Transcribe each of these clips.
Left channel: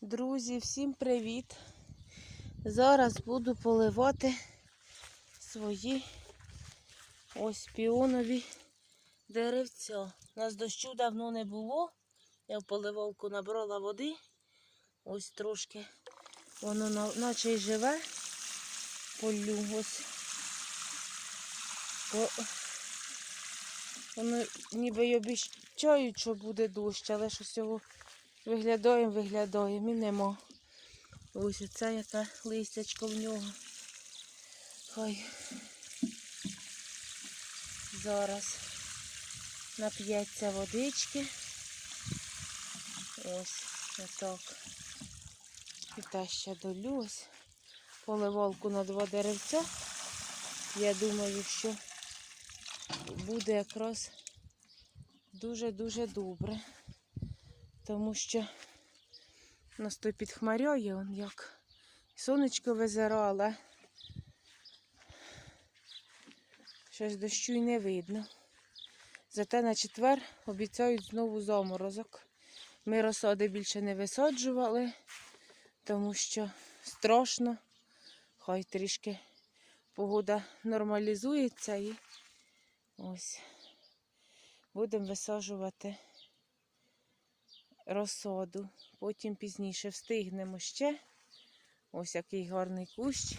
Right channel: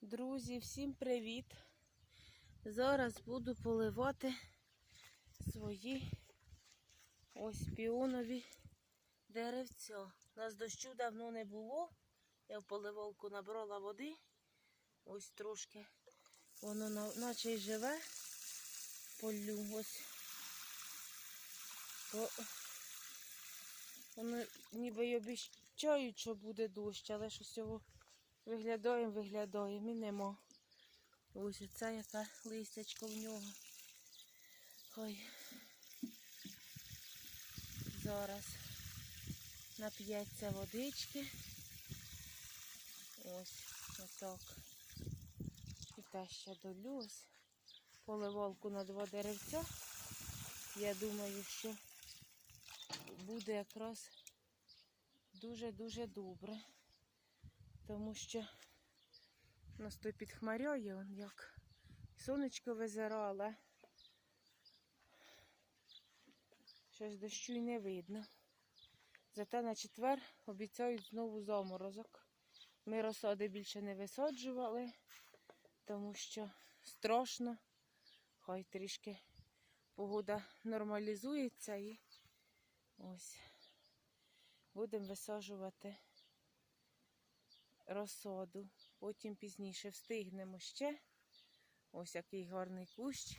Друзі, всім привіт! Зараз буду поливати свої ось піонові деревця. У нас дощу давно не було. Я в поливалку набрала води. Ось трошки воно наче й живе. Полю ось. Воно ніби й обіцяють, що буде дощ, але щось його виглядаємо, виглядаємо і нема. Ось оце яке листячко в нього. Хай зараз нап'ється водички. Ось отак. І та ще долю ось. Поливалку на два деревця. Я думаю, що буде якраз дуже-дуже добре. Тому що у нас то підхмаряє, он як сонечко визирало, але щось дощу й не видно. Зате на четвер обіцяють знову заморозок. Ми розсади більше не висаджували, тому що страшно. Хай трішки погода нормалізується і ось будемо висаджувати розсаду. Потім пізніше встигнемо ще. Ось який гарний кущ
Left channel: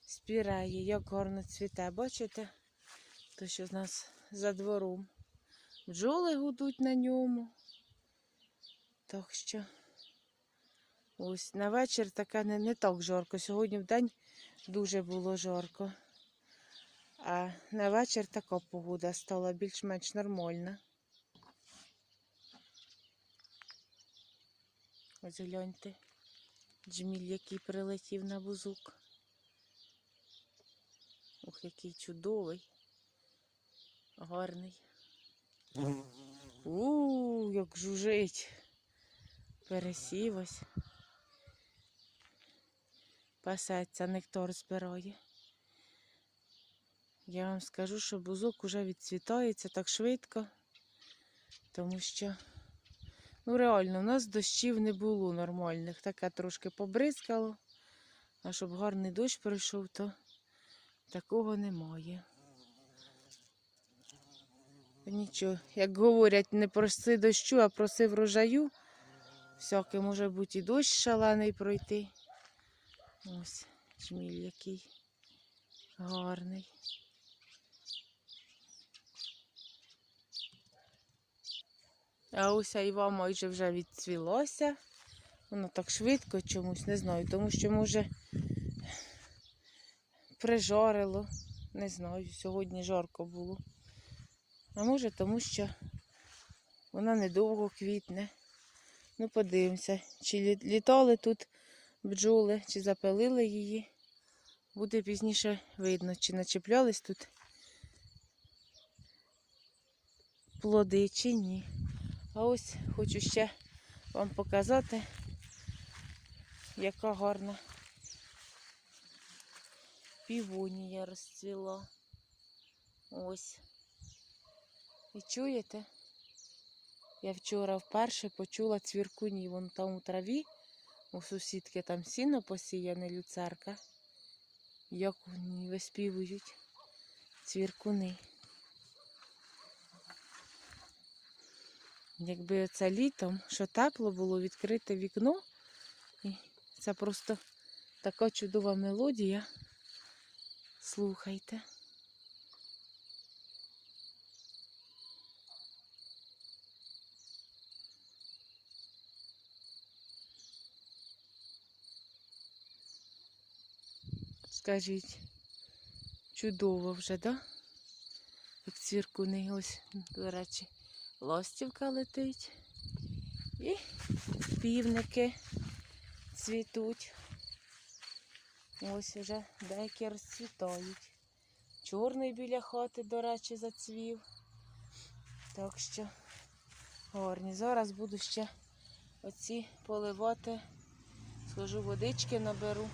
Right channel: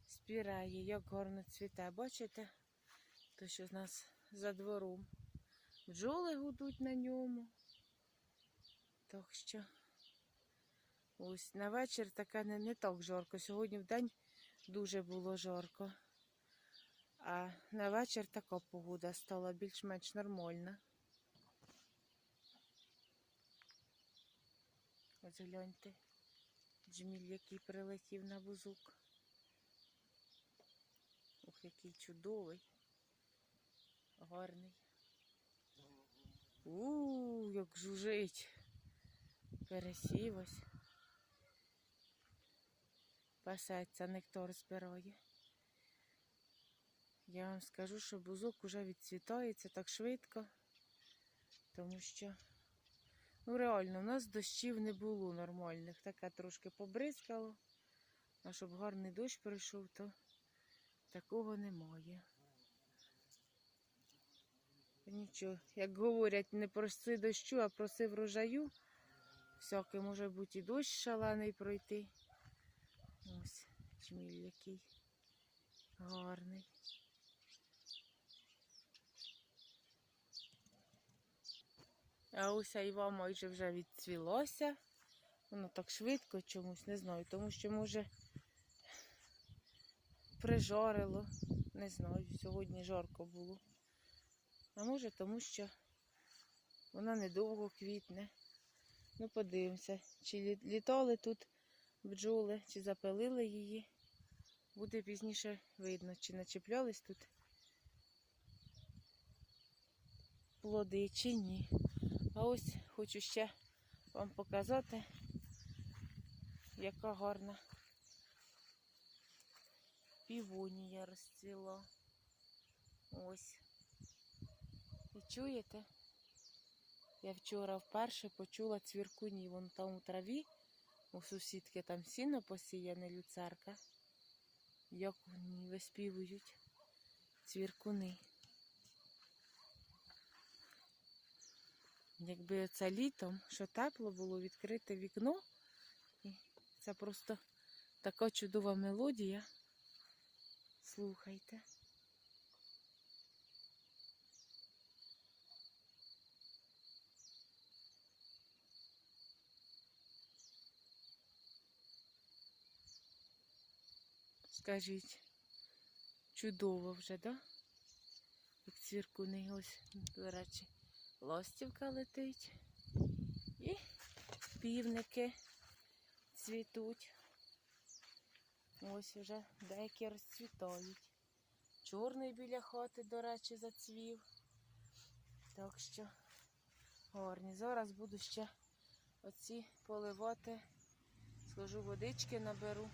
спіреє, як гарно цвіте. Бачите? То, що з нас за двором. Бджоли гудуть на ньому. Так що ось на вечір таке не, не так жарко. Сьогодні в день дуже було жарко. А на вечір така погода стала більш-менш нормальна. Ось гляньте, джміль, який прилетів на бузук. Ух, який чудовий, гарний. У, як жужить. Пересів ось. Пасеться, нектар збирає. Я вам скажу, що бузок уже відцвітається так швидко, тому що, ну реально, у нас дощів не було нормальних. Таке трошки побризкало, а щоб гарний дощ пройшов, то такого немає. Нічого, як говорять, не проси дощу, а проси врожаю. Всяке може бути і дощ шалений пройти. Ось чміль який гарний. А ось айва майже вже відцвілося. Воно так швидко чомусь, не знаю, тому що може прижарило. Не знаю, сьогодні жарко було. А може тому, що вона недовго квітне. Ну, подивимося, чи літали тут бджоли, чи запилили її. Буде пізніше видно, чи начеплялись тут плоди, чи ні. А ось хочу ще вам показати, яка гарна півонія розцвіла. Ось. І чуєте? Я вчора вперше почула цвіркуні вон там у траві. У сусідки там сіно посіяне люцерка. Як вони виспівують цвіркуни. Якби це літом, що тепло було відкрите вікно, і це просто така чудова мелодія. Слухайте. Скажіть, чудово вже, да? Як цвіркуни, ось, до речі, ластівка летить. І півники цвітуть. Ось вже деякі розцвітають. Чорний біля хати, до речі, зацвів. Так що гарні. Зараз буду ще оці поливати. Схожу водички наберу,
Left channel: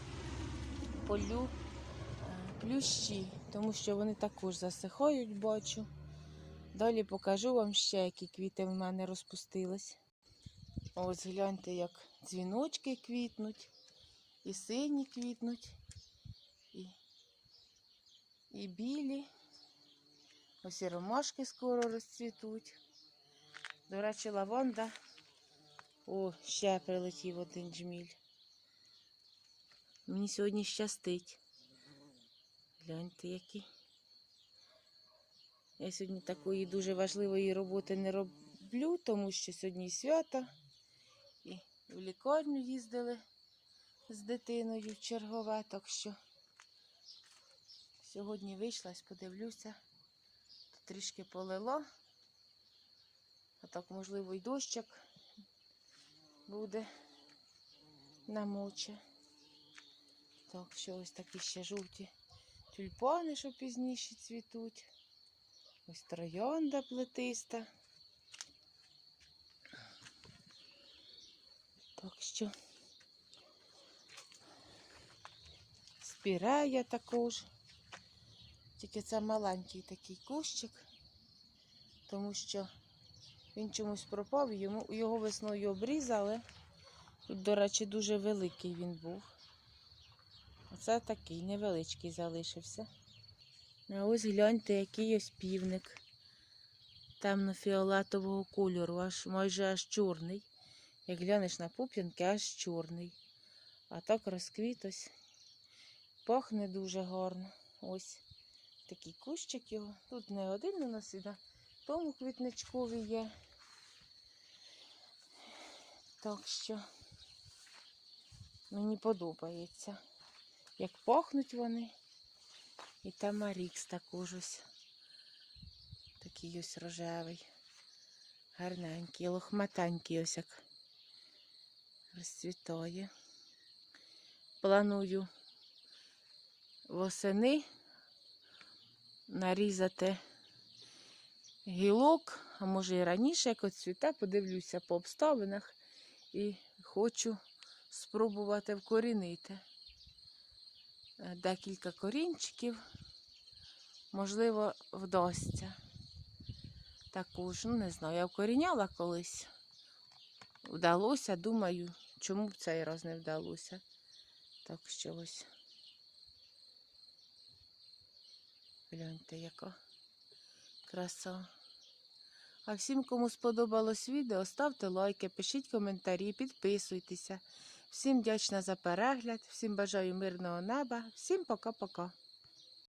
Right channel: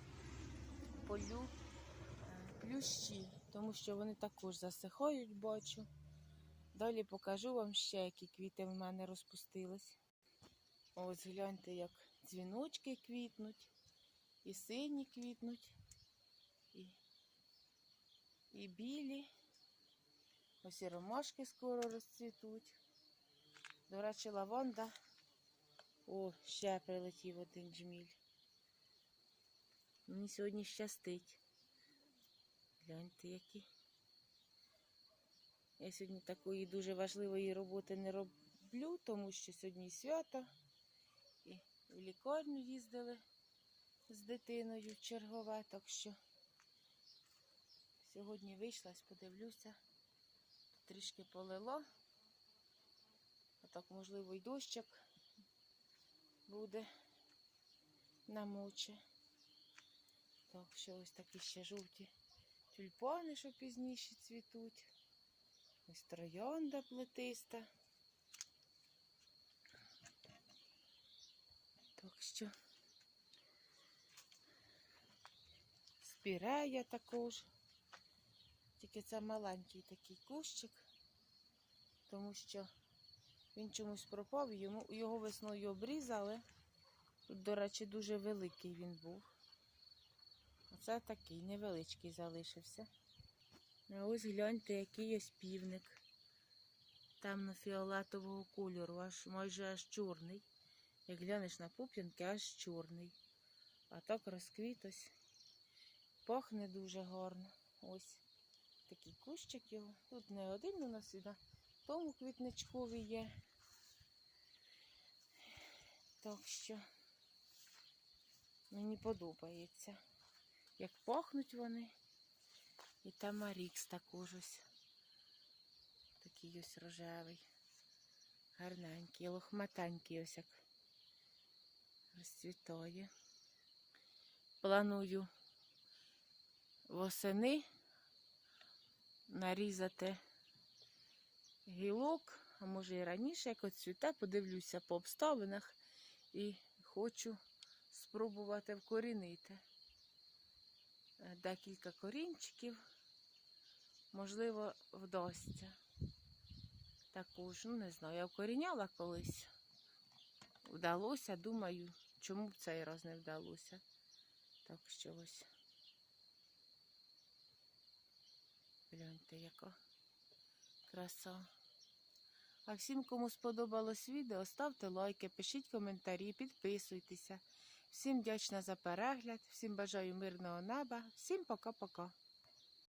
полю е, плющі, тому що вони також засихають, бачу. Далі покажу вам ще, які квіти в мене розпустились. Ось гляньте, як дзвіночки квітнуть, і сині квітнуть, і, і білі. Ось і ромашки скоро розцвітуть. До речі, лаванда. О, ще прилетів один джміль. Мені сьогодні щастить. Гляньте, який. Я сьогодні такої дуже важливої роботи не роблю, тому що сьогодні і свято. І в лікарню їздили з дитиною в чергове, так що сьогодні вийшла, подивлюся. Трішки полило. А так, можливо, і дощик буде намоче. Так, що ось такі ще жовті тюльпани, що пізніше цвітуть. Ось троянда плетиста. Так що спірея також. Тільки це маленький такий кущик, тому що він чомусь пропав, його весною обрізали. Тут, до речі, дуже великий він був. Оце такий невеличкий залишився. А ось гляньте, який ось півник. Темно-фіолетового кольору, аж майже аж чорний. Як глянеш на пуп'янки, аж чорний. А так розквіт ось. Пахне дуже гарно. Ось такий кущик його. Тут не один у нас і на тому квітничкові є. Так що мені подобається. Як пахнуть вони. І тамарікс також ось. Такий ось рожевий. Гарненький, лохматенький ось як розцвітає. Планую восени нарізати гілок, а може і раніше, як оцвіте, подивлюся по обставинах і хочу спробувати вкорінити декілька корінчиків, можливо, вдасться. Також, ну не знаю, я вкоріняла колись. Вдалося, думаю, чому б цей раз не вдалося. Так що ось. Гляньте, яка краса. А всім, кому сподобалось відео, ставте лайки, пишіть коментарі, підписуйтеся. Всім вдячна за перегляд, всім бажаю мирного неба, всім пока-пока.